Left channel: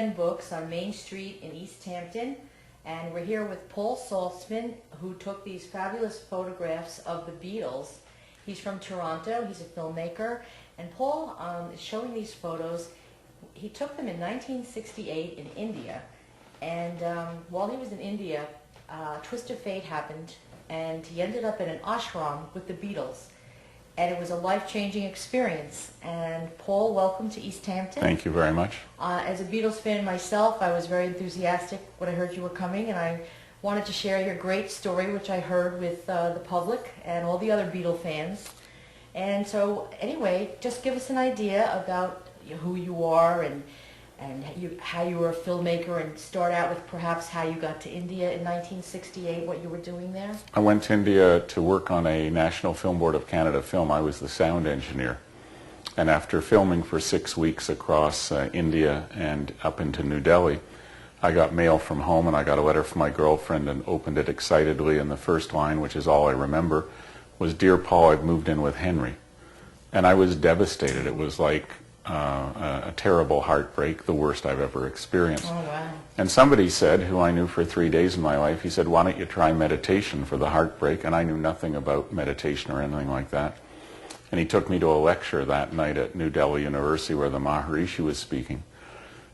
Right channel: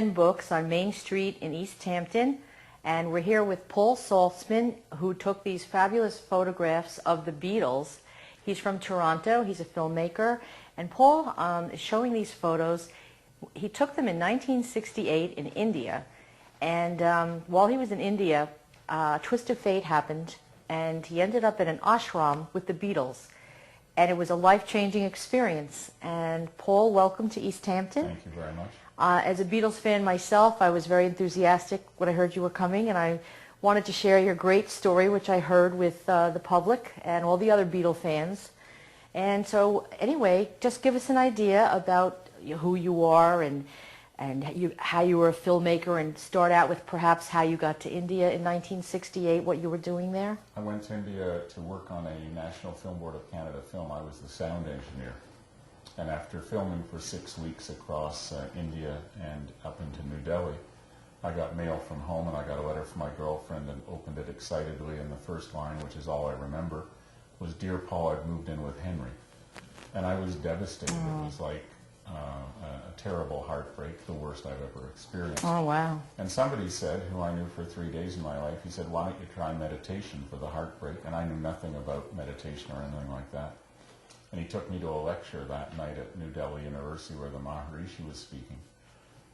10 books on Main Street in East Hampton, and we're here with Paul SALTZMAN, who took these fabulous photographs of the Beatles. He's from Toronto, he's a filmmaker, and Paul is showing these photos. He took them in 1968 in India, and while he was in India, a twist of fate happened, and he ended up in an ashram with the Beatles. And it was a life-changing experience. And Paul, welcome to East Hampton. Thank you very much. As a Beatles fan myself, I was very enthusiastic when I heard you were coming, and I wanted to share your great story, which I heard with the public and all the other Beatle fans. And so, anyway, just give us an idea about who you are and how you were a filmmaker, and start out with perhaps how you got to India in 1968, what you were doing there. I went to India to work on a National Film Board of Canada film. I was the sound engineer. And after filming for 6 weeks across India and up into New Delhi, I got mail from home, and I got a letter from my girlfriend and opened it excitedly, and the first line, which is all I remember, was, "Dear Paul, I've moved in with Henry." And I was devastated. It was like a terrible heartbreak, the worst I've ever experienced. Oh, wow. And somebody said, who I knew for 3 days in my life, he said, "Why don't you try meditation for the heartbreak?" And I knew nothing about meditation or anything like that. And he took me to a lecture that night at New Delhi University where the Maharishi was speaking.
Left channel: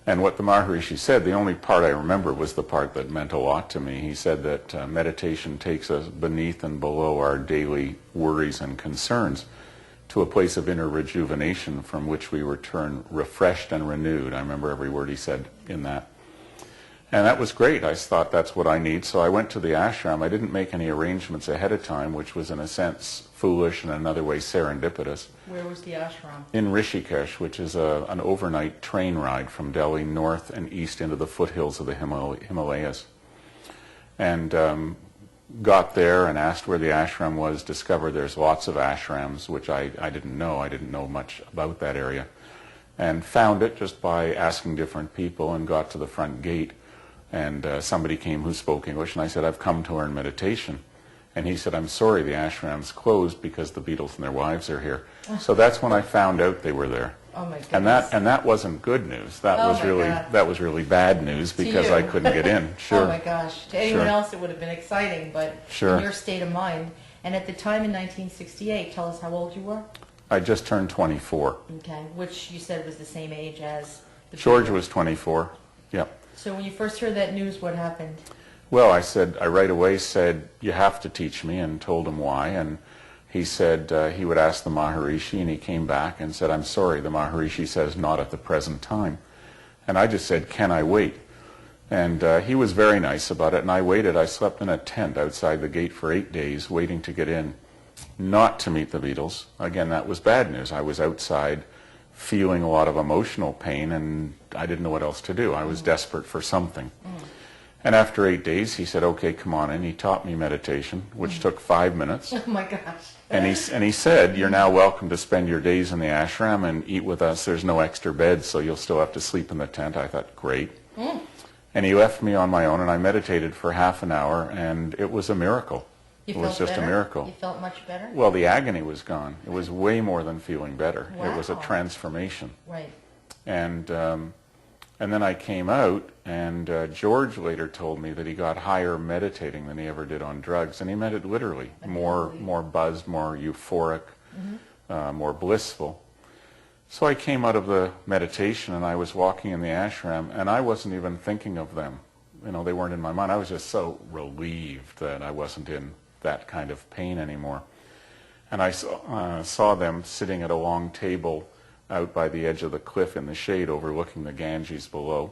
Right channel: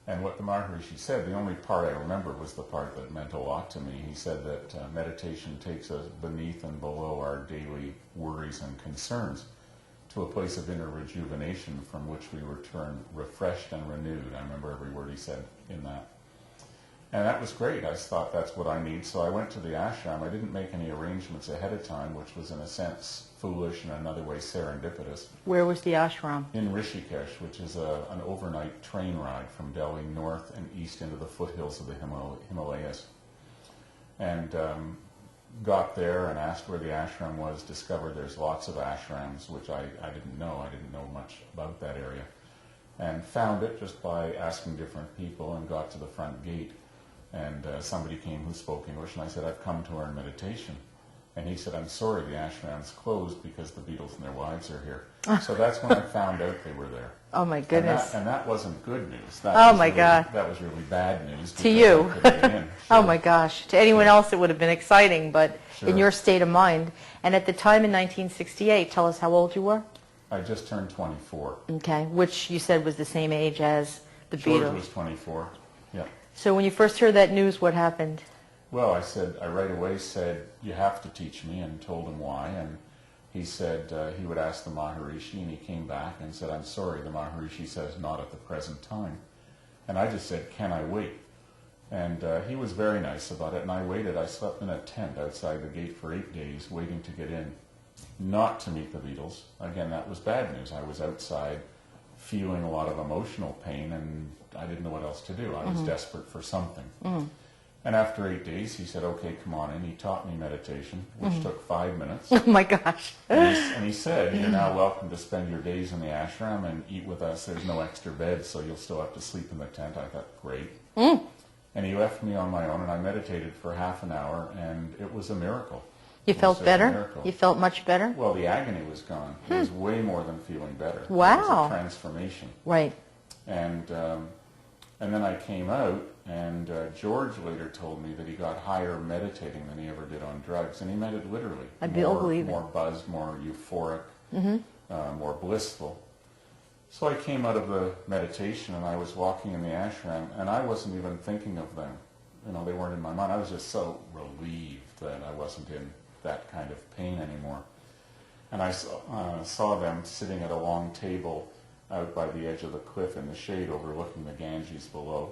And what the Maharishi said, the only part I remember was the part that meant a lot to me. He said that meditation takes us beneath and below our daily worries and concerns to a place of inner rejuvenation from which we return refreshed and renewed. I remember every word he said in that. And that was great. I thought that's what I need. So I went to the ashram. I didn't make any arrangements ahead of time, which was in a sense foolish and another way serendipitous. Where was the ashram? In Rishikesh, which is an overnight train ride from Delhi north and east into the foothills of the Himalayas. And got there and asked where the ashram was, discovered there's lots of ashrams, which I didn't know. I didn't know much about that area. And found it just by asking different people, and got to the front gate. And somebody came who spoke English, and I said, "I've come to learn meditation." And he said, "I'm sorry, the ashram's closed because the Beatles and their wives are here." So that's when I found out they were there. Oh, my goodness. And that wasn't good news. That was really bad news because I couldn't get in. Sure. Oh, my gosh. To anyone else, it would have been exciting, but in your state of mind. And at the time in 1968, tell us how old you were? I just turned 24. Okay, which you said was the same age as the Beatles. George was 24, yeah. So when you first heard that news, what happened? Well, I right away said, "You have to teach me," and told him why. And he said he would ask the Maharishi, and he came back and said, "I'm sorry, the Maharishi says not at the present time." And I just said, "Can I wait?" And he was very nice about it, and I waited. I slept in a tent outside the gate for 8 days, waiting to get in, not to meet the Beatles. Again, that was bad news. I was outside feeling a lot of emotional pain, and I didn't know what else to do. I was desperate for something. And after 8 days, he said, "Okay, come on in." He taught me meditation, which took 5 minutes. Oh, my gosh. And he said, "You're now welcome to spend your days in the ashram and eat with us. There's no extra beds, so you'll still have to sleep in the tent." I thought, great. And he left me on my own, and I meditated for half an hour, and it was a miracle. You felt better? It was just a miracle. You felt much better? Well, the agony was gone. It was way more than feeling better. Wow. It was a transformation. Right. And then I came out, and George later told me that he got higher meditating than he ever did on drugs, and he meant it literally. More buzzed, more euphoric, more blissful. So I came out of the meditation, and I was walking in the ashram, and I wasn't even thinking of them. You know, they weren't in my mind. I was just so relieved that I wasn't in that kind of pain anymore. And I saw them sitting at a long table out by the edge of the cliff in the shade overlooking the Ganges below.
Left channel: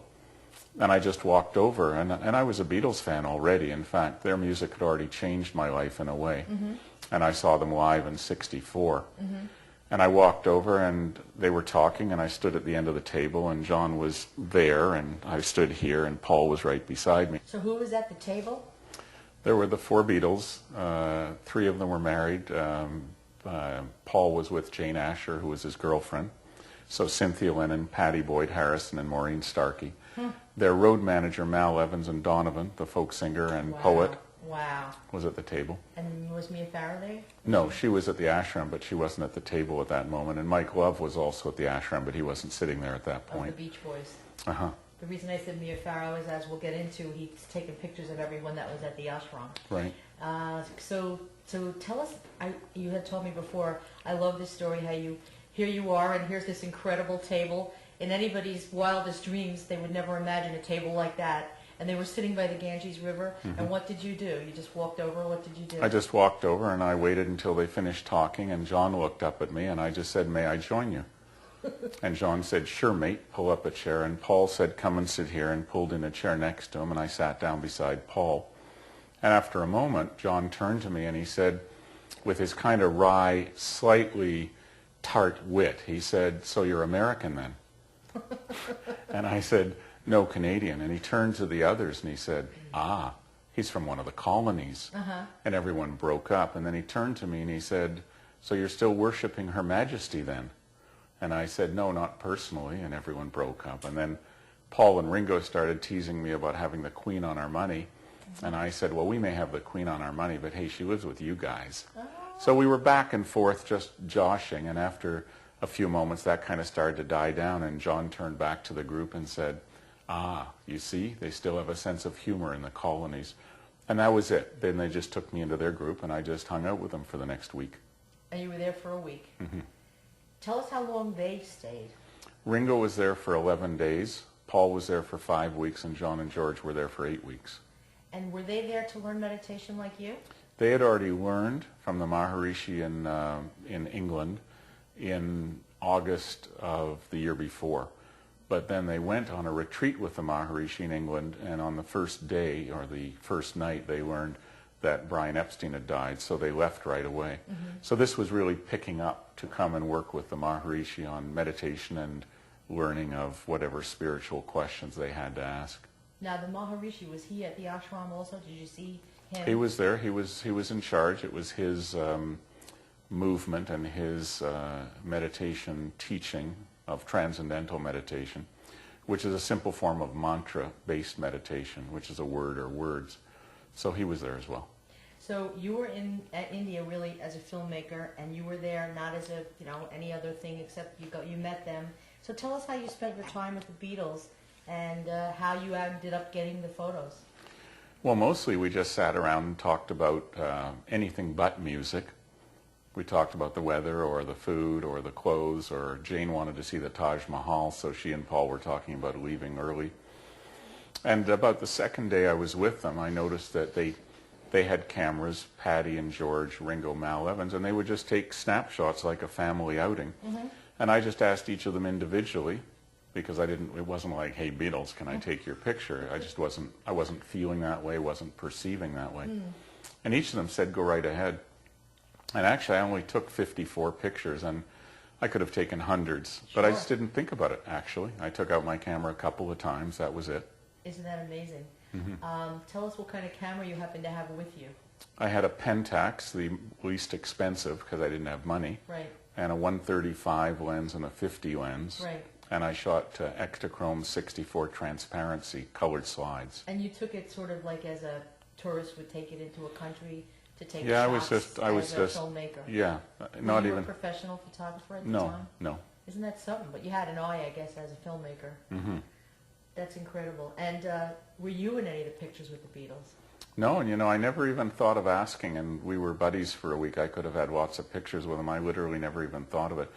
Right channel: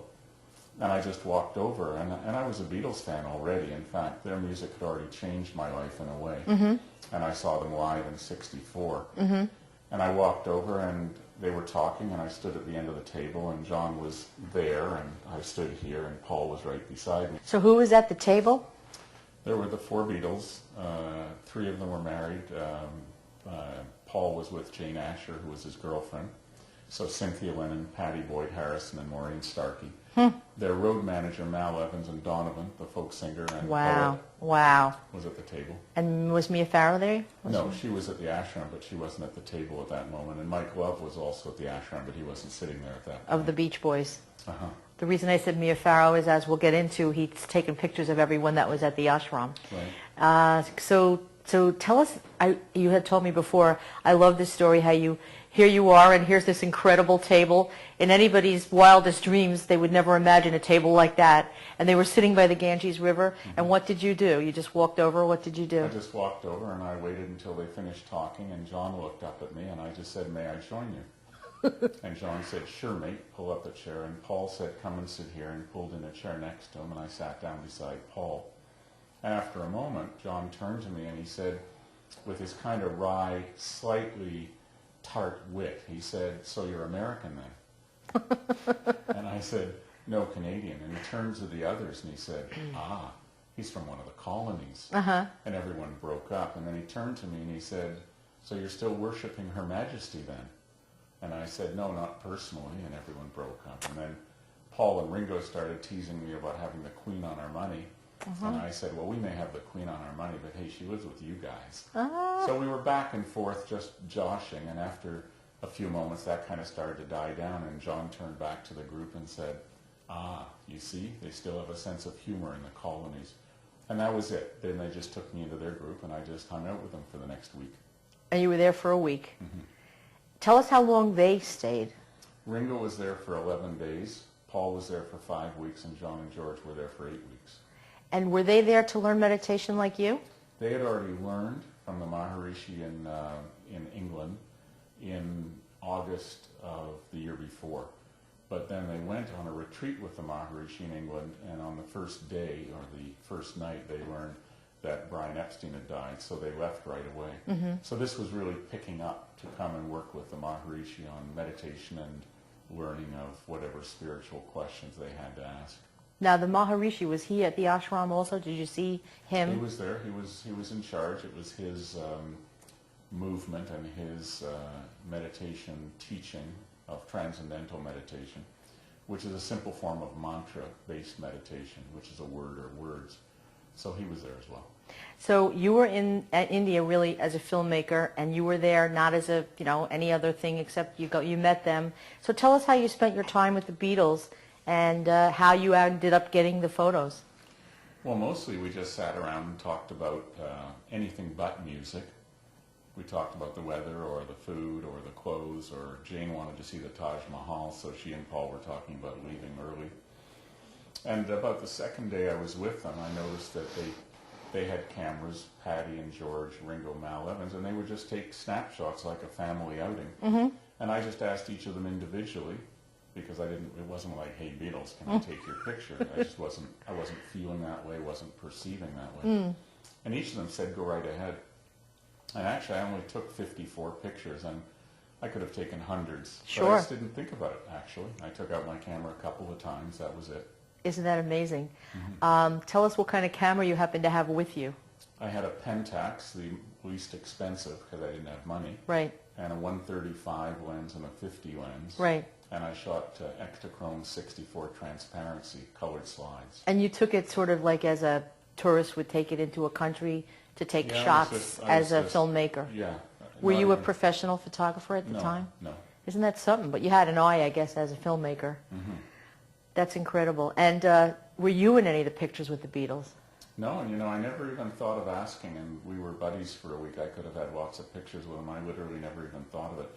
And I just walked over, and I was a Beatles fan already. In fact, their music had already changed my life in a way. And I saw them live in '64. And I walked over, and they were talking, and I stood at the end of the table, and John was there, and I stood here, and Paul was right beside me. So who was at the table? There were the 4 Beatles. 3 of them were married. Paul was with Jane Asher, who was his girlfriend. So Cynthia Lennon, Pattie Boyd Harrison, and Maureen Starkey. Their road manager, Mal Evans, and Donovan, the folk singer and poet, was at the table. And was Mia Farrow there? No, she was at the ashram, but she wasn't at the table at that moment. And Mike Love was also at the ashram, but he wasn't sitting there at that point. Of the Beach Boys. The reason I said Mia Farrow is, as we'll get into, he's taken pictures of everyone that was at the ashram. Right. So tell us, you had told me before, I love this story, how here you are, and here's this incredible table. In anybody's wildest dreams, they would never imagine a table like that. And they were sitting by the Ganges River, and what did you do? You just walked over? What did you do? I just walked over, and I waited until they finished talking, and John looked up at me, and I just said, "May I join you?" And John said, "Sure, mate, pull up a chair." And Paul said, "Come and sit here," and pulled in a chair next to him, and I sat down beside Paul. And after a moment, John turned to me, and he said, with his kind of wry, slightly tart wit, he said, "So you're American then?" And I said, "No, Canadian." And he turned to the others, and he said, "Ah, he's from one of the colonies." And everyone broke up. And then he turned to me, and he said, "So you're still worshiping Her Majesty then?" And I said, "No, not personally," and everyone broke up. And then Paul and Ringo started teasing me about having the Queen on our money. And I said, "Well, we may have the Queen on our money, but hey, she lives with you guys." So we were back and forth just joshing, and after a few moments that kind of started to die down, and John turned back to the group and said, "Ah, you see, they still have a sense of humor in the colonies." And that was it. Then they just took me into their group, and I just hung out with them for the next week. And you were there for a week. Tell us how long they stayed. Ringo was there for 11 days. Paul was there for 5 weeks, and John and George were there for 8 weeks. And were they there to learn meditation like you? They had already learned from the Maharishi in England in August of the year before. But then they went on a retreat with the Maharishi in England, and on the first day, or the first night, they learned that Brian Epstein had died, so they left right away. So this was really picking up to come and work with the Maharishi on meditation and learning of whatever spiritual questions they had to ask. Now, the Maharishi, was he at the ashram also? Did you see him? He was there. He was in charge. It was his movement and his meditation teaching of transcendental meditation, which is a simple form of mantra-based meditation, which is a word or words. So he was there as well. So you were in India really as a filmmaker, and you were there not as a any other thing except you met them. So tell us how you spent your time with the Beatles, and how you ended up getting the photos. Well, mostly we just sat around and talked about anything but music. We talked about the weather or the food or the clothes, or Jane wanted to see the Taj Mahal, so she and Paul were talking about leaving early. And about the second day I was with them, I noticed that they had cameras, Patty and George, Ringo, Mal Evans, and they would just take snapshots like a family outing. And I just asked each of them individually, because it wasn't like, "Hey Beatles, can I take your picture?" I wasn't feeling that way, wasn't perceiving that way. And each of them said, "Go right ahead." And actually I only took 54 pictures, and I could have taken hundreds, but I just didn't think about it, actually. I took out my camera a couple of times, that was it. Isn't that amazing? Tell us what kind of camera you happen to have with you. I had a Pentax, the least expensive because I didn't have money. Right. And a 135 lens and a 50 lens. Right. And I shot Ektachrome 64 transparency colored slides. And you took it sort of like as a tourist would take it into a country to take shots as a filmmaker. Yeah. Were you a professional photographer at the time? No. Isn't that something? But you had an eye, I guess, as a filmmaker. That's incredible. And were you in any of the pictures with the Beatles? No, and I never even thought of asking, and we were buddies for a week. I could have had lots of pictures with them. I literally never even thought of it.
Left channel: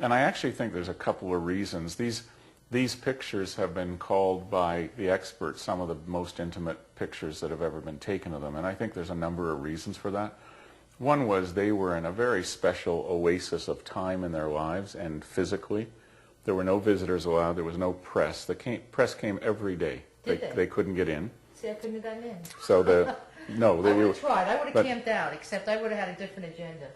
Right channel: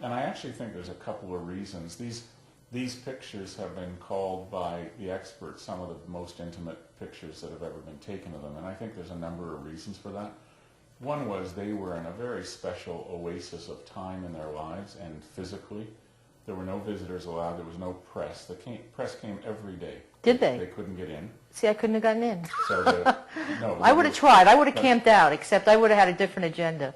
And I actually think there's a couple of reasons. These pictures have been called by the experts some of the most intimate pictures that have ever been taken of them, and I think there's a number of reasons for that. One was they were in a very special oasis of time in their lives, and physically. There were no visitors allowed. There was no press. The press came every day. Did they? They couldn't get in. See, I couldn't have gotten in. So no. I would have tried. I would have camped out, except I would have had a different agenda.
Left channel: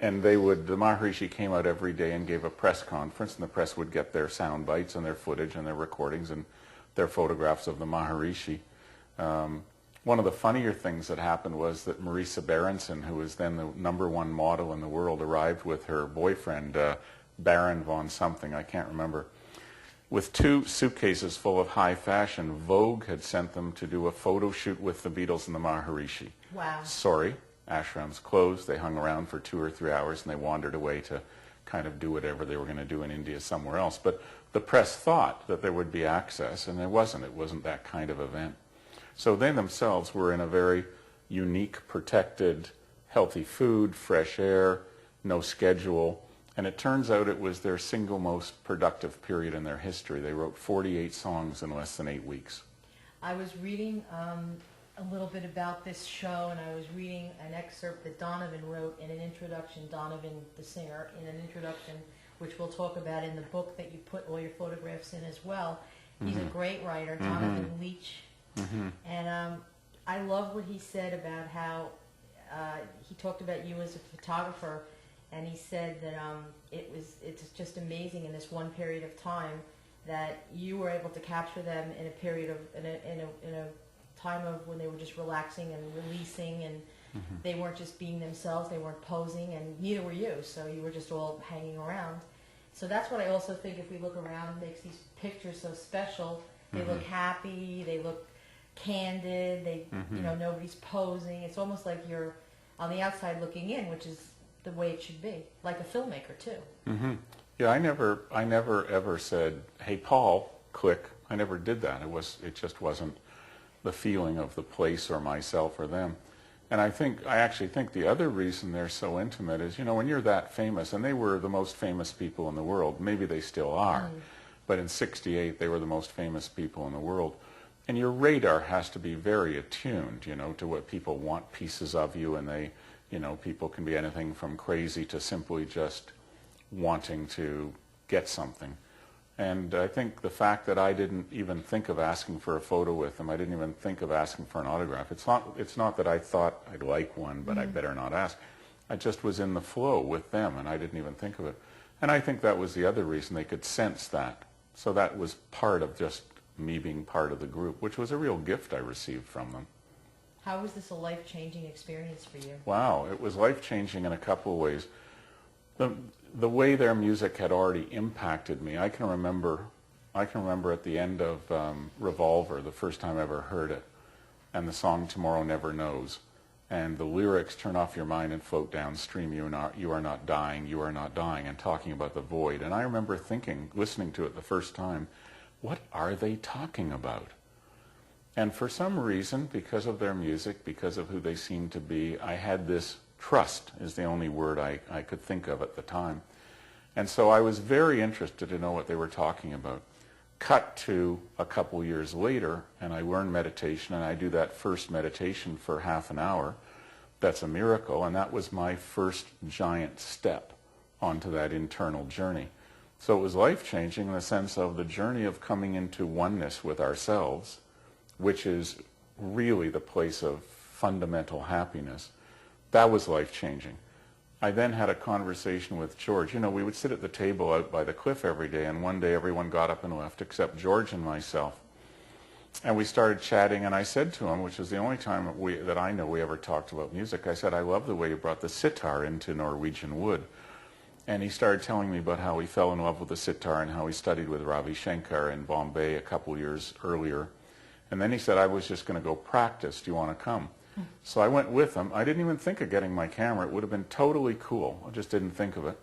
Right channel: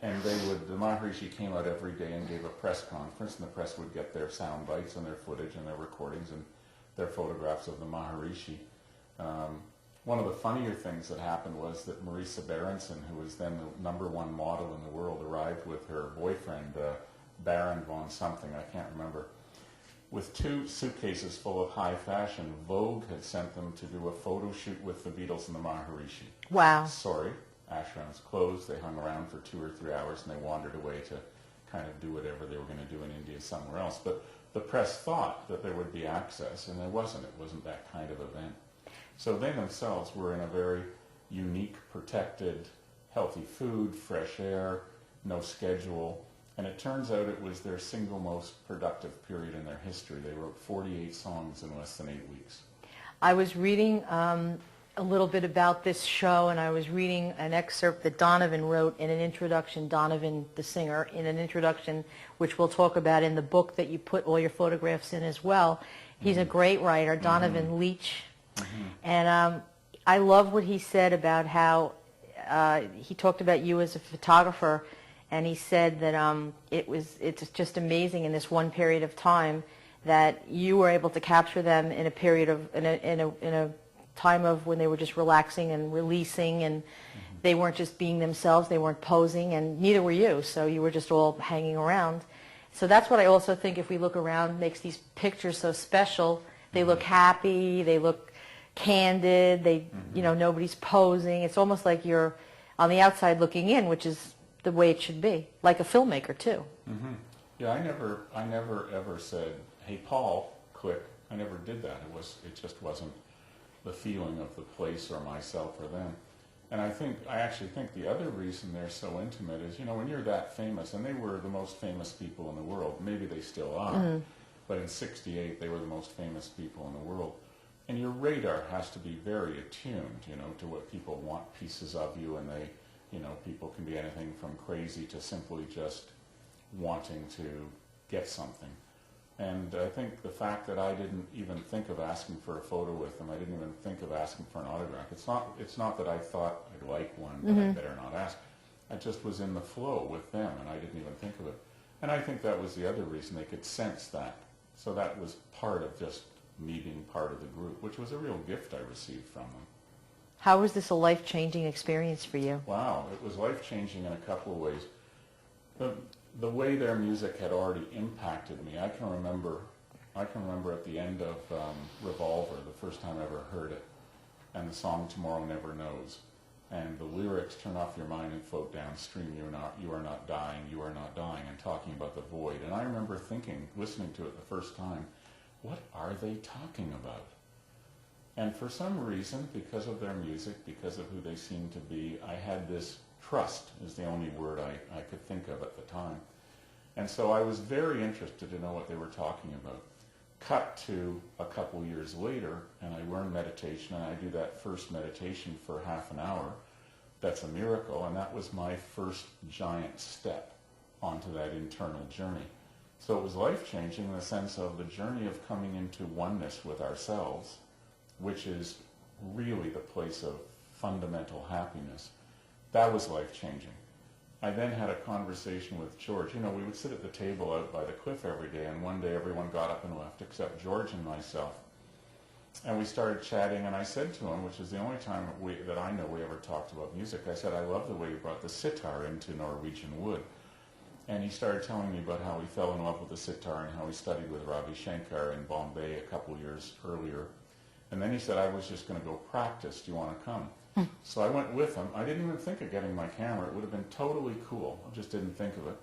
And the Maharishi came out every day and gave a press conference, and the press would get their sound bites and their footage and their recordings and their photographs of the Maharishi. One of the funnier things that happened was that Marisa Berenson, who was then the #1 model in the world, arrived with her boyfriend, Baron von something, I can't remember, with 2 suitcases full of high fashion. Vogue had sent them to do a photo shoot with the Beatles and the Maharishi. Wow. Sorry, Ashram's closed. They hung around for 2 or 3 hours, and they wandered away to kind of do whatever they were going to do in India somewhere else. But the press thought that there would be access, and there wasn't. It wasn't that kind of event. So they themselves were in a very unique, protected, healthy food, fresh air, no schedule, and it turns out it was their single most productive period in their history. They wrote 48 songs in less than 8 weeks. I was reading a little bit about this show, and I was reading an excerpt that Donovan wrote in an introduction, Donovan the singer, in an introduction which we'll talk about in the book that you put all your photographs in as well. He's a great writer, Donovan Leach, and I love what he said about how he talked about you as a photographer, and he said that it's just amazing in this one period of time that you were able to capture them in a period of in a time of when they were just relaxing and releasing, and they weren't just being themselves, they weren't posing, and neither were you, so you were just all hanging around. So that's what I also think, if we look around, makes these pictures so special. They look happy, they look candid, they you know, nobody's posing. It's almost like you're on the outside looking in, which is the way it should be, like a filmmaker too. Yeah, I never ever said, "Hey Paul, click." I never did that. It just wasn't the feeling of the place or myself or them. And I actually think the other reason they're so intimate is, you know, when you're that famous, and they were the most famous people in the world, maybe they still are, but in '68 they were the most famous people in the world. And your radar has to be very attuned, you know, to what people want pieces of you, and they, you know, people can be anything from crazy to simply just wanting to get something. And I think the fact that I didn't even think of asking for a photo with them, I didn't even think of asking for an autograph. It's not that I thought I'd like one, but I better not ask. I just was in the flow with them, and I didn't even think of it. And I think that was the other reason. They could sense that. So that was part of just me being part of the group, which was a real gift I received from them. How was this a life-changing experience for you? Wow, it was life-changing in a couple of ways. The way their music had already impacted me, I can remember at the end of Revolver, the first time I ever heard it, and the song Tomorrow Never Knows, and the lyrics, "Turn off your mind and float downstream, you are not dying, you are not dying," and talking about the void. And I remember thinking, listening to it the first time, what are they talking about? And for some reason, because of their music, because of who they seemed to be, I had this trust, is the only word I could think of at the time. And so I was very interested to know what they were talking about. Cut to a couple years later, and I learned meditation, and I do that first meditation for half an hour. That's a miracle, and that was my first giant step onto that internal journey. So it was life-changing in the sense of the journey of coming into oneness with ourselves, which is really the place of fundamental happiness. That was life-changing. I then had a conversation with George. You know, we would sit at the table out by the cliff every day, and one day everyone got up and left except George and myself. And we started chatting, and I said to him, which was the only time that I know we ever talked about music, I said, "I love the way you brought the sitar into Norwegian wood." And he started telling me about how he fell in love with the sitar and how he studied with Ravi Shankar in Bombay a couple years earlier. And then he said, "I was just going to go practice. Do you want to come?" So I went with him. I didn't even think of getting my camera. It would have been totally cool. I just didn't think of it.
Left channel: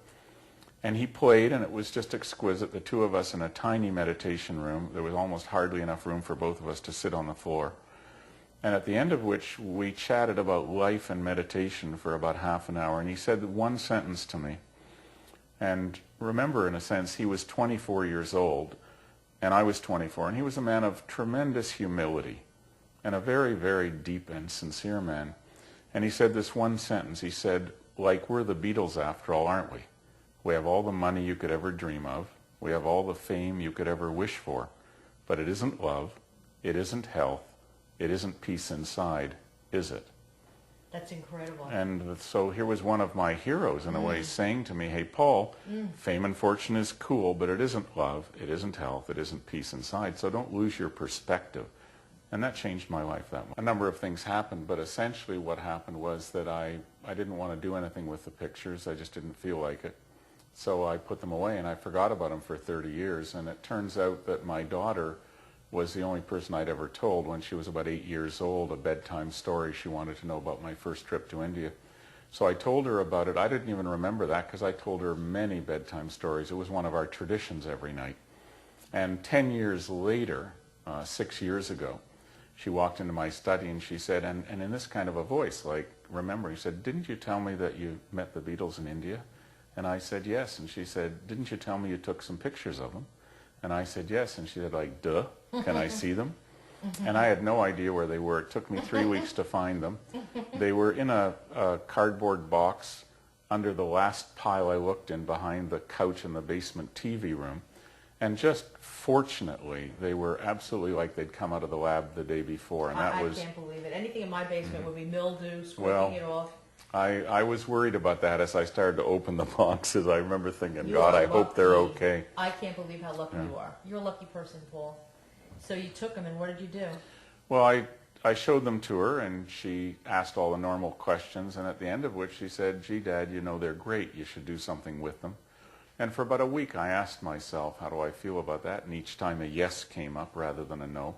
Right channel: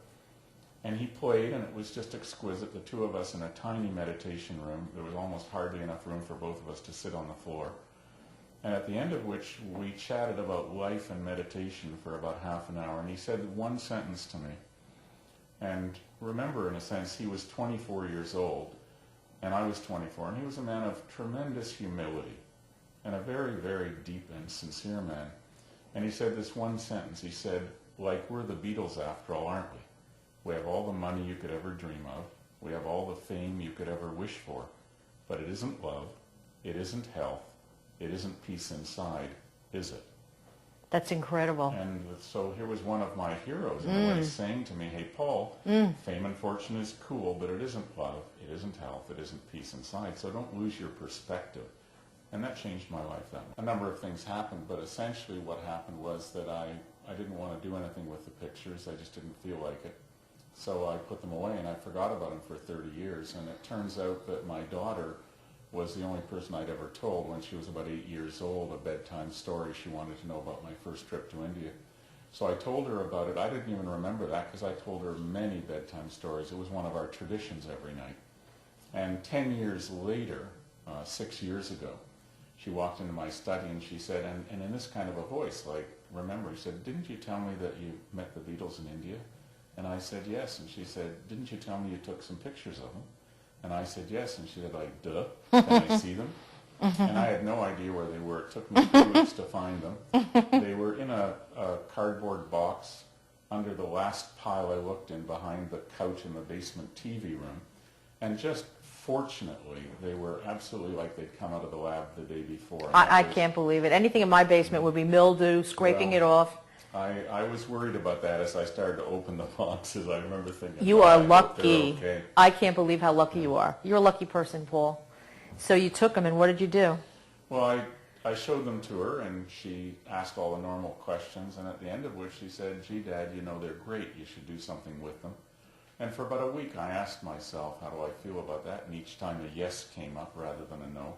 And he played, and it was just exquisite. The two of us in a tiny meditation room. There was almost hardly enough room for both of us to sit on the floor. And at the end of which, we chatted about life and meditation for about half an hour. And he said one sentence to me. And remember, in a sense, he was 24 years old, and I was 24. And he was a man of tremendous humility, and a very, very deep and sincere man. And he said this one sentence. He said, "Like, we're the Beatles after all, aren't we? We have all the money you could ever dream of. We have all the fame you could ever wish for. But it isn't love. It isn't health. It isn't peace inside, is it?" That's incredible. And so here was one of my heroes, in a way, saying to me, "Hey, Paul, fame and fortune is cool, but it isn't love. It isn't health. It isn't peace inside. So don't lose your perspective." And that changed my life that much. A number of things happened, but essentially what happened was that I didn't want to do anything with the pictures. I just didn't feel like it. So I put them away, and I forgot about them for 30 years. And it turns out that my daughter was the only person I'd ever told, when she was about 8 years old, a bedtime story she wanted to know about my first trip to India. So I told her about it. I didn't even remember that, because I told her many bedtime stories. It was one of our traditions every night. And 10 years later, 6 years ago, she walked into my study and she said, and in this kind of a voice, like, remember, she said, didn't you tell me that you met the Beatles in India? And I said, yes. And she said, didn't you tell me you took some pictures of them? And I said, yes. And she said, like, duh, can I see them? And I had no idea where they were. It took me 3 weeks to find them. They were in a cardboard box under the last pile I looked in behind the couch in the basement TV room. And just fortunately, they were absolutely like they'd come out of the lab the day before. And I can't believe it. Anything in my basement would be mildew, scraping it off. I was worried about that as I started to open the boxes. I remember thinking, you are I lucky. hope they're okay. I can't believe how lucky you are. You're a lucky person, Paul. So you took them, and what did you do? Well, I showed them to her, and she asked all the normal questions, and at the end of which she said, gee, Dad, you know, they're great. You should do something with them. And for about a week, I asked myself, how do I feel about that? And each time a yes came up rather than a no.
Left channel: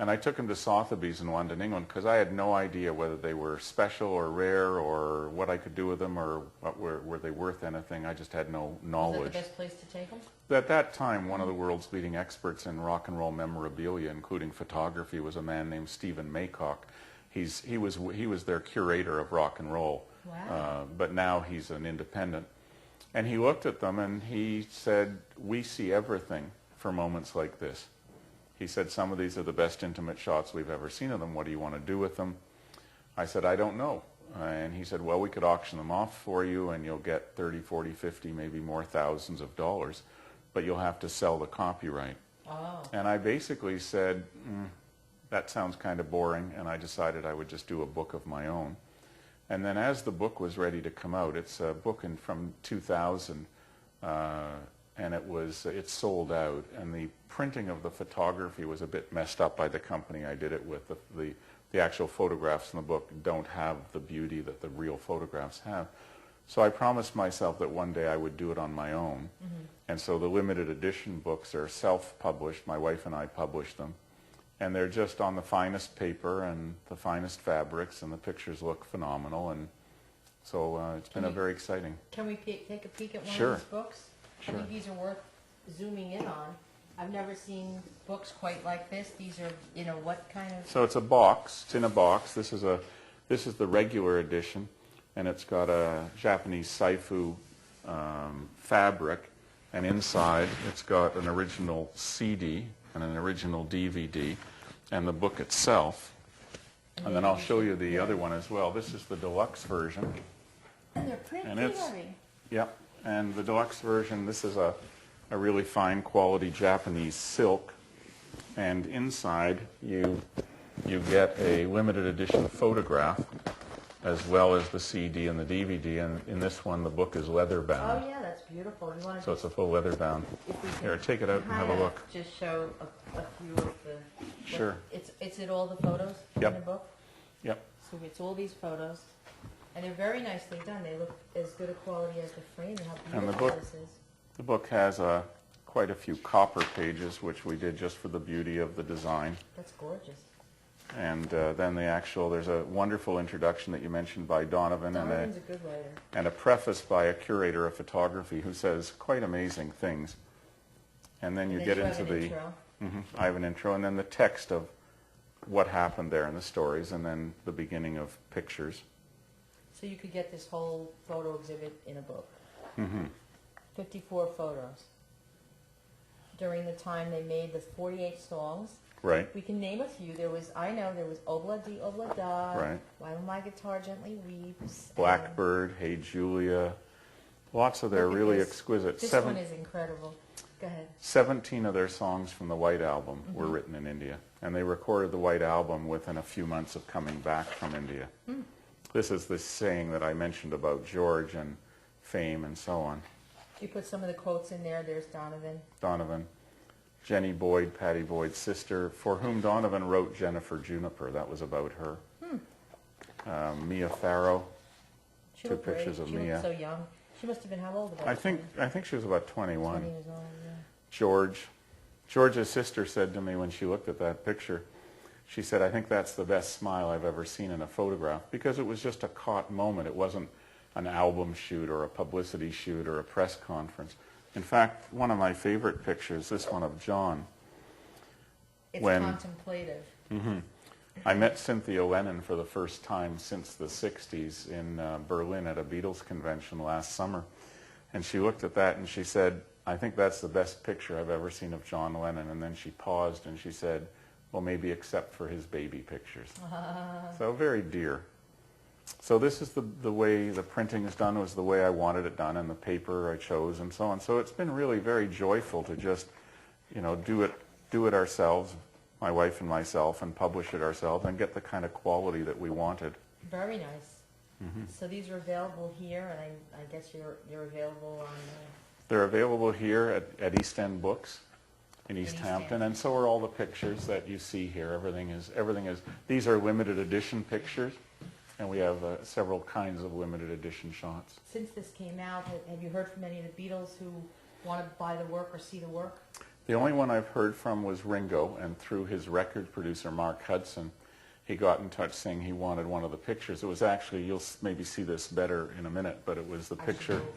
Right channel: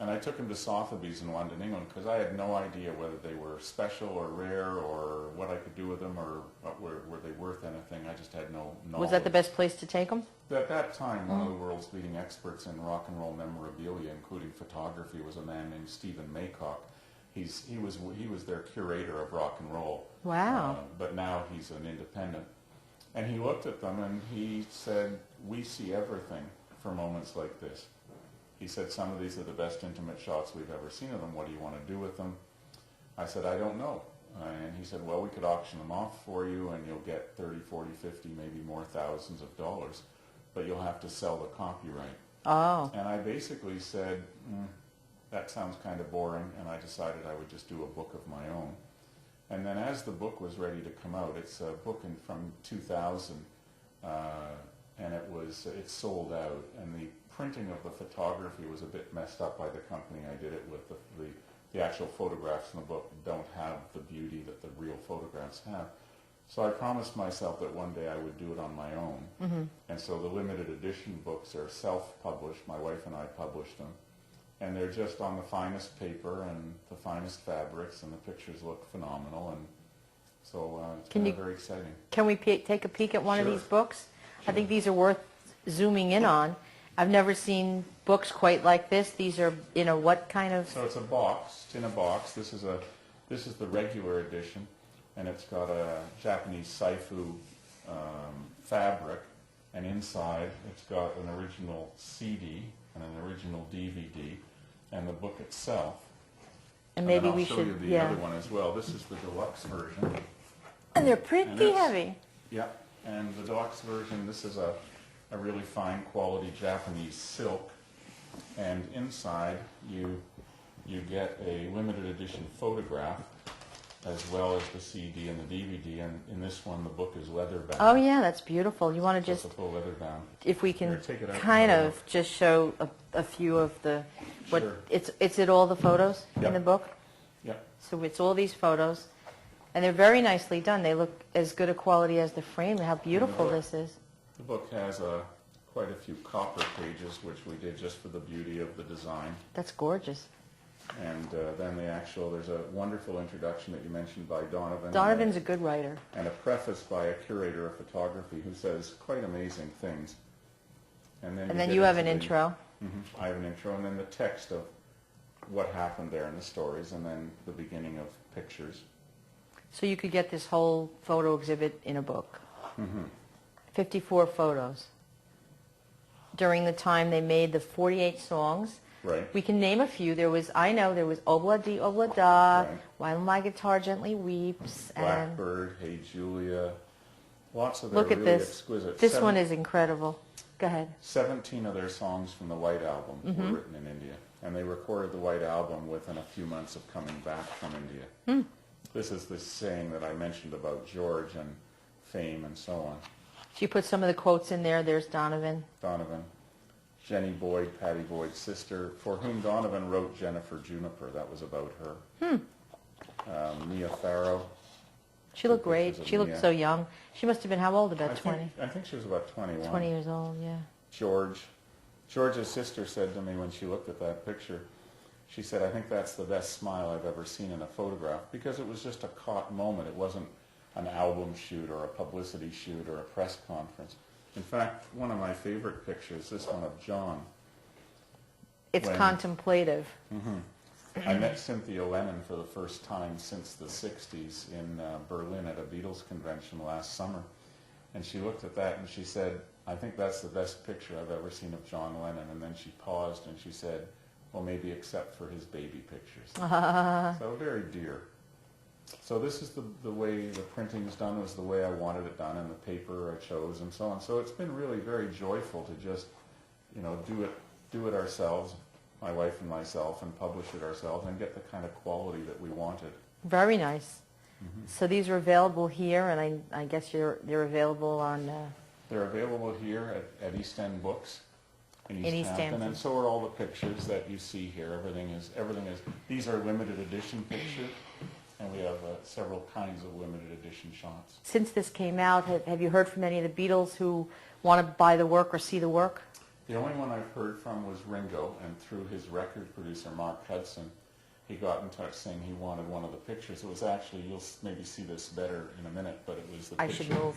And I took them to Sotheby's in London, England, because I had no idea whether they were special or rare or what I could do with them or were they worth anything. I just had no knowledge. Was that the best place to take them? At that time, one of the world's leading experts in rock and roll memorabilia, including photography, was a man named Stephen Maycock. He was their curator of rock and roll. Wow. But now he's an independent. And he looked at them and he said, we see everything for moments like this. He said, some of these are the best intimate shots we've ever seen of them. What do you want to do with them? I said, I don't know. And he said, well, we could auction them off for you and you'll get 30, 40, 50, maybe more thousands of dollars, but you'll have to sell the copyright. Oh. And I basically said, that sounds kind of boring, and I decided I would just do a book of my own. And then as the book was ready to come out, it's a book from 2000, and it sold out, and the printing of the photography was a bit messed up by the company I did it with. The actual photographs in the book don't have the beauty that the real photographs have. So I promised myself that one day I would do it on my own. Mm-hmm. And so the limited edition books are self-published. My wife and I published them. And they're just on the finest paper and the finest fabrics, and the pictures look phenomenal. And so it's been very exciting. Can we take a peek at one Sure. of these books? Sure. I think these are worth zooming in on. I've never seen books quite like this. These are, what kind of... So it's a box. It's in a box. This is the regular edition, and it's got a Japanese saifu fabric, and inside it's got an original CD and an original DVD, and the book itself. And then I'll show you the other one as well. This is the deluxe version. And they're pretty heavy. Yeah, and the deluxe version, this is a really fine quality Japanese silk, and inside you get a limited edition photograph as well as the CD and the DVD, and in this one the book is leather bound. Oh yeah, that's beautiful. You want to it's a full leather bound. If we can Here, take it out kind and have a of look. just show a few of the Sure. It's it all the photos in Yep. the book? Yep. So it's all these photos, and they're very nicely done. They look as good a quality as the frame. How beautiful this is. The book has quite a few copper pages, which we did just for the beauty of the design. That's gorgeous. And then there's a wonderful introduction that you mentioned by Donovan. Donovan's a good writer. And a preface by a curator of photography who says quite amazing things. And then you have an intro. I have an intro, and then the text of what happened there in the stories, and then the beginning of pictures. So you could get this whole photo exhibit in a book. 54 photos. During the time they made the 48 songs. Right. We can name a few. There was Obla Di Obla Da, Right. While My Guitar Gently Weeps. Blackbird, Hey Julia, lots of their Look at really this. exquisite. This one is incredible. Go ahead. 17 of their songs from the White Album were written in India, and they recorded the White Album within a few months of coming back from India. This is the saying that I mentioned about George and fame and so on. You put some of the quotes in there. There's Donovan. Jenny Boyd, Pattie Boyd's sister, for whom Donovan wrote Jennifer Juniper. That was about her. Mia Farrow. She looked great. She looked so young. She must have been how old? About 20? I think she was about 21. 20 years old, yeah. George's sister said to me when she looked at that picture, she said, I think that's the best smile I've ever seen in a photograph, because it was just a caught moment. It wasn't an album shoot or a publicity shoot or a press conference. In fact, one of my favorite pictures, this one of John. It's contemplative. I met Cynthia Lennon for the first time since the 60s in Berlin at a Beatles convention last summer. And she looked at that and she said, I think that's the best picture I've ever seen of John Lennon. And then she paused and she said, well, maybe except for his baby pictures. So very dear. So this is the way the printing is done. It was the way I wanted it done, and the paper I chose, and so on. So it's been really very joyful to just, you know, do it ourselves, my wife and myself, and publish it ourselves, and get the kind of quality that we wanted. Very nice. So these are available here, and I guess they're available on... They're available here at East End Books in East Hampton, and so are all the pictures that you see here. Everything is. These are limited edition pictures, and we have several kinds of limited edition shots. Since this came out, have you heard from any of the Beatles who want to buy the work or see the work? The only one I've heard from was Ringo, and through his record producer, Mark Hudson, he got in touch saying he wanted one of the pictures. It was actually, you'll maybe see this better in a minute, but it was the picture. I should move.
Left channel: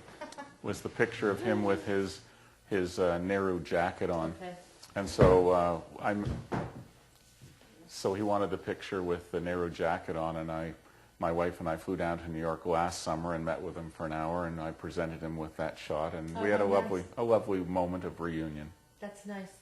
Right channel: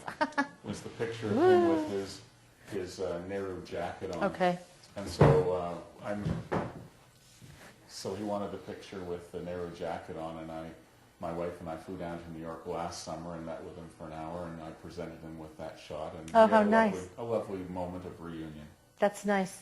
Was the picture of him with his Nehru jacket on. Okay. And so so he wanted the picture with the Nehru jacket on, and my wife and I flew down to New York last summer and met with him for an hour, and I presented him with that shot, and we had a lovely moment of reunion. That's nice.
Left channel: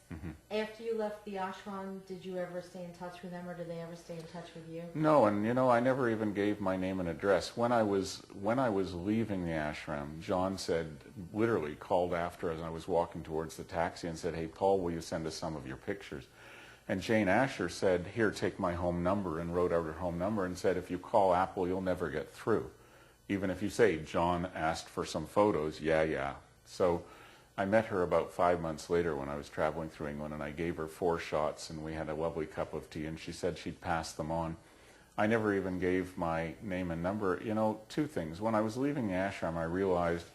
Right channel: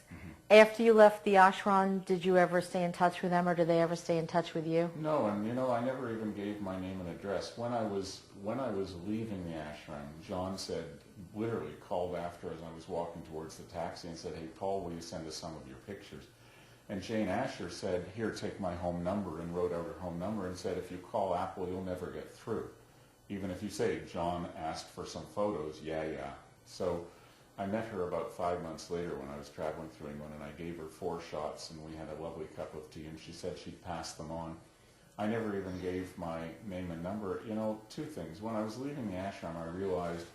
After you left the ashram, did you ever stay in touch with them, or did they ever stay in touch with you? No, and you know, I never even gave my name and address. When I was leaving the ashram, John said, literally called after as I was walking towards the taxi and said, hey, Paul, will you send us some of your pictures? And Jane Asher said, here, take my home number, and wrote out her home number and said, if you call Apple, you'll never get through. Even if you say, John asked for some photos, yeah. So I met her about 5 months later when I was traveling through England, and I gave her 4 shots, and we had a lovely cup of tea, and she said she'd pass them on. I never even gave my name and number. You know, 2 things. When I was leaving the ashram, I realized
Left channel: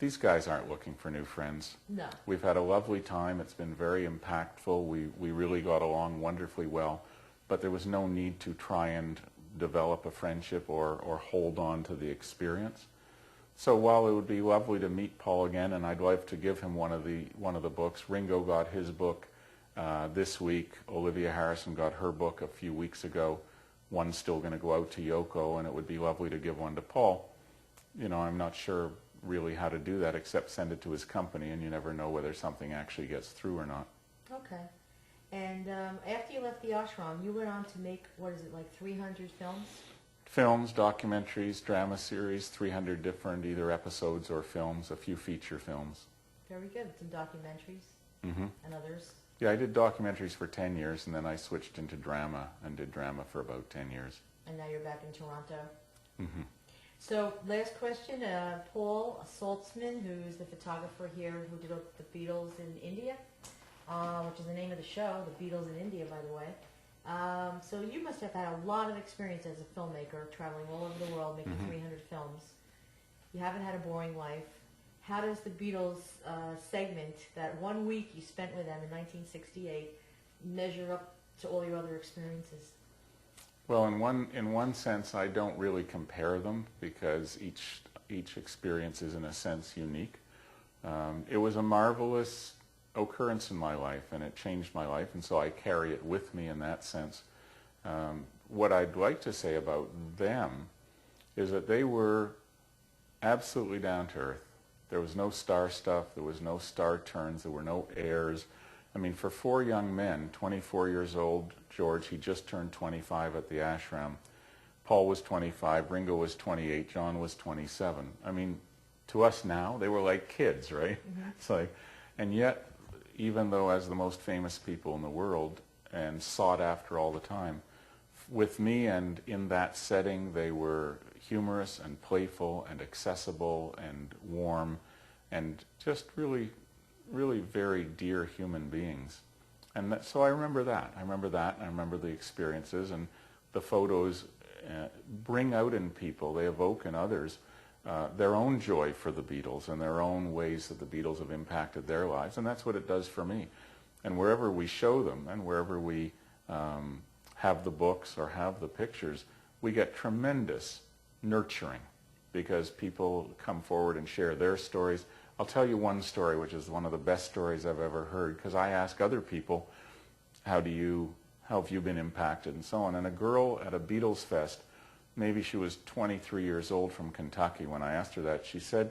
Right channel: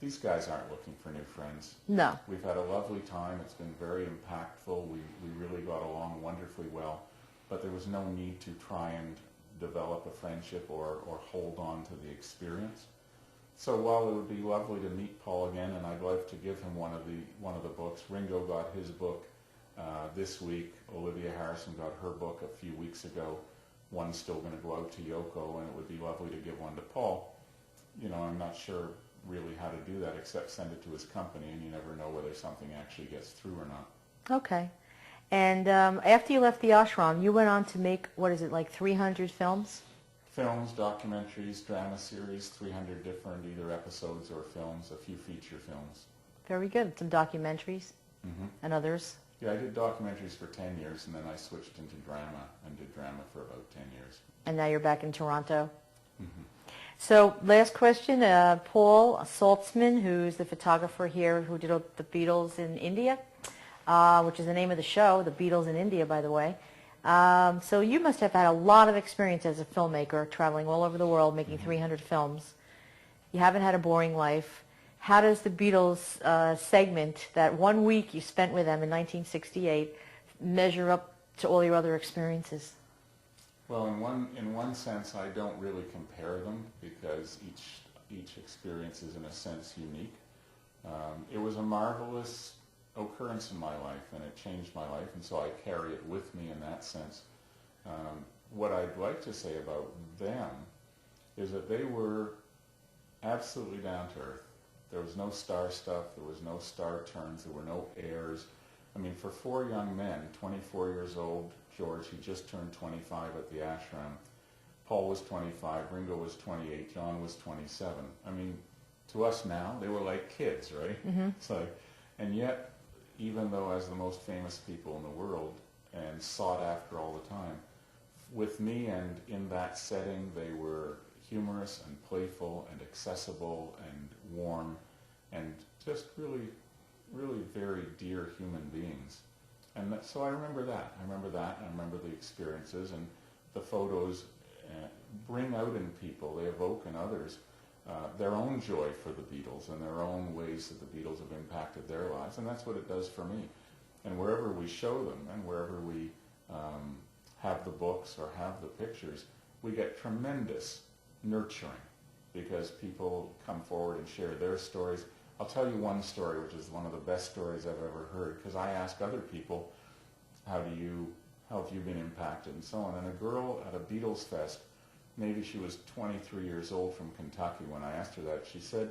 these guys aren't looking for new friends. No. We've had a lovely time. It's been very impactful. We really got along wonderfully well, but there was no need to try and develop a friendship or hold on to the experience. So while it would be lovely to meet Paul again, and I'd like to give him one of the books, Ringo got his book this week. Olivia Harrison got her book a few weeks ago. One's still going to go out to Yoko, and it would be lovely to give one to Paul. You know, I'm not sure really how to do that except send it to his company, and you never know whether something actually gets through or not. Okay. And after you left the ashram, you went on to make, what is it, like 300 films? Films, documentaries, drama series, 300 different either episodes or films, a few feature films. Very good. Some documentaries and others. Yeah, I did documentaries for 10 years, and then I switched into drama and did drama for about 10 years. And now you're back in Toronto? So last question, Paul SALTZMAN, who's the photographer here who did the Beatles in India, which is the name of the show, The Beatles in India, by the way. So you must have had a lot of experience as a filmmaker, traveling all over the world, making 300 films. You haven't had a boring life. How does the Beatles segment, that 1 week you spent with them in 1968, measure up to all your other experiences? Well, in one sense, I don't really compare them because each experience is, in a sense, unique. It was a marvelous occurrence in my life, and it changed my life, and so I carry it with me in that sense. What I'd like to say about them is that they were absolutely down to earth. There was no star stuff, there was no star turns, there were no airs. I mean, for 4 young men, 24 years old, George, he just turned 25 at the ashram. Paul was 25, Ringo was 28, John was 27. I mean, to us now, they were like kids, right? It's like, and yet, even though as the most famous people in the world and sought after all the time, with me and in that setting, they were humorous and playful and accessible and warm and just really, really very dear human beings. And so I remember that. I remember the experiences, and the photos bring out in people, they evoke in others their own joy for the Beatles and their own ways that the Beatles have impacted their lives, and that's what it does for me. And wherever we show them and wherever we have the books or have the pictures, we get tremendous nurturing because people come forward and share their stories. I'll tell you one story, which is one of the best stories I've ever heard, because I ask other people, how have you been impacted and so on. And a girl at a Beatles fest, maybe she was 23 years old from Kentucky, when I asked her that, she said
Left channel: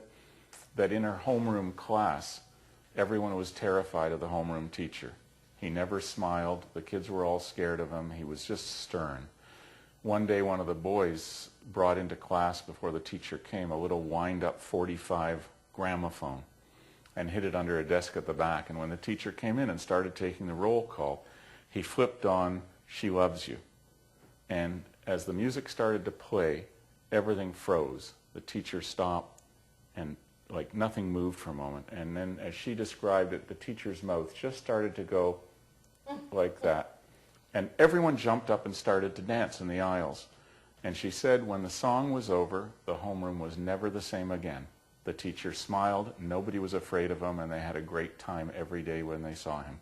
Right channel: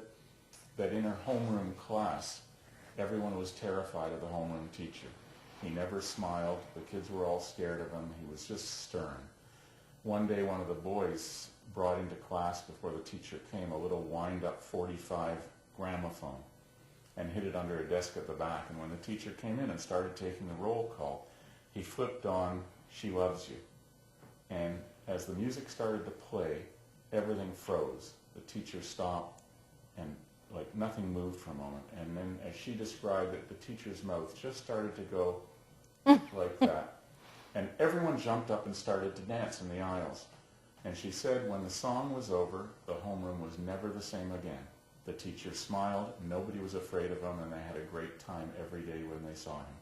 that in her homeroom class, everyone was terrified of the homeroom teacher. He never smiled. The kids were all scared of him. He was just stern. One day, one of the boys brought into class before the teacher came a little wind-up 45 gramophone and hid it under a desk at the back. And when the teacher came in and started taking the roll call, he flipped on "She Loves You." And as the music started to play, everything froze. The teacher stopped, and like nothing moved for a moment. And then, as she described it, the teacher's mouth just started to go like that. And everyone jumped up and started to dance in the aisles. And she said when the song was over, the homeroom was never the same again. The teacher smiled, nobody was afraid of him, and they had a great time every day when they saw him.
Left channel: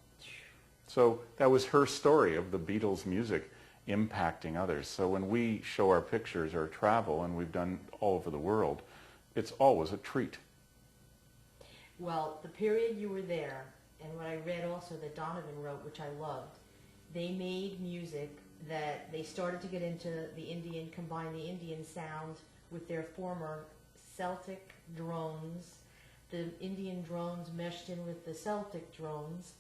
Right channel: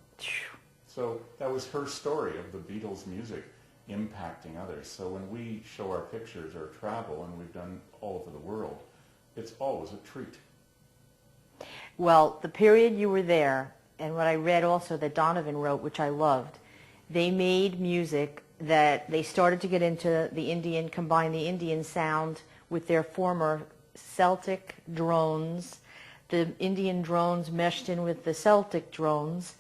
So that was her story of the Beatles' music impacting others. So when we show our pictures or travel, and we've done all over the world, it's always a treat. Well, the period you were there, and what I read also that Donovan wrote, which I loved, they made music that they started to get into the Indian, combine the Indian sound with their former Celtic drones. The Indian drones meshed in with the Celtic drones,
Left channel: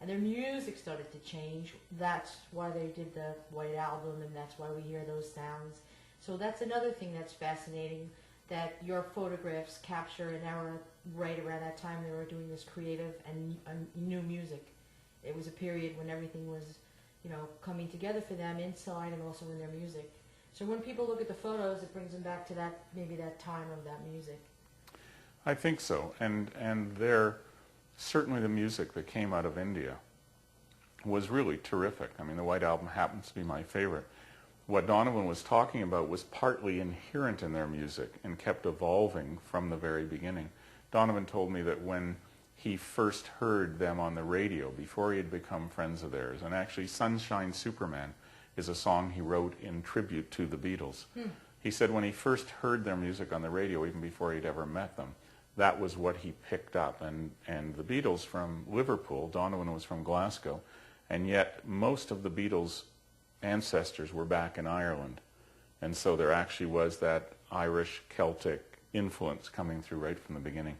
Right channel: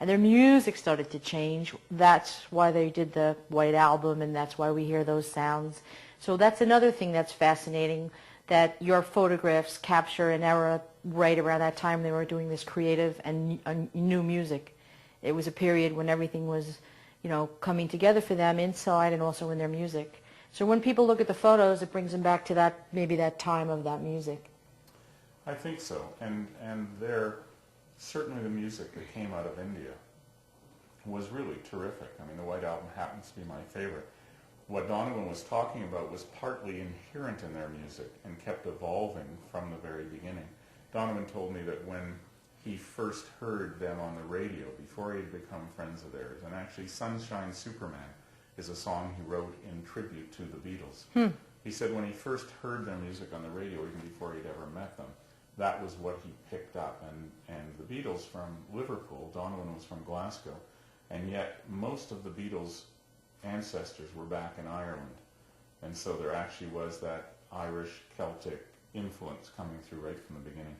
and their music started to change. That's why they did the White Album, and that's why we hear those sounds. So that's another thing that's fascinating, that your photographs capture an era right around that time they were doing this creative and new music. It was a period when everything was, you know, coming together for them inside and also in their music. So when people look at the photos, it brings them back to that, maybe that time of that music. I think so. And there, certainly the music that came out of India was really terrific. I mean, the White Album happens to be my favorite. What Donovan was talking about was partly inherent in their music and kept evolving from the very beginning. Donovan told me that when he first heard them on the radio, before he had become friends of theirs, and actually Sunshine Superman is a song he wrote in tribute to the Beatles. He said when he first heard their music on the radio, even before he'd ever met them, that was what he picked up. And the Beatles from Liverpool, Donovan was from Glasgow, and yet most of the Beatles' ancestors were back in Ireland. And so there actually was that Irish Celtic influence coming through right from the beginning.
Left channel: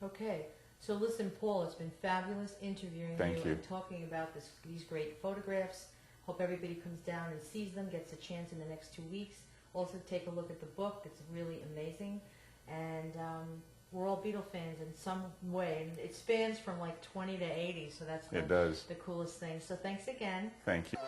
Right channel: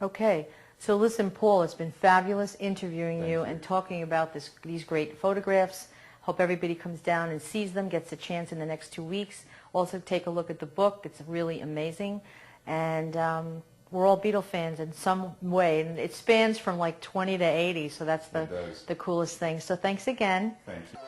Okay, so listen, Paul, it's been fabulous interviewing Thank you and talking about these great photographs. Hope everybody comes down and sees them, gets a chance in the next 2 weeks. Also take a look at the book. It's really amazing. And we're all Beatle fans in some way. And it spans from like 20 to 80, so that's the coolest thing. So thanks again. Thank you.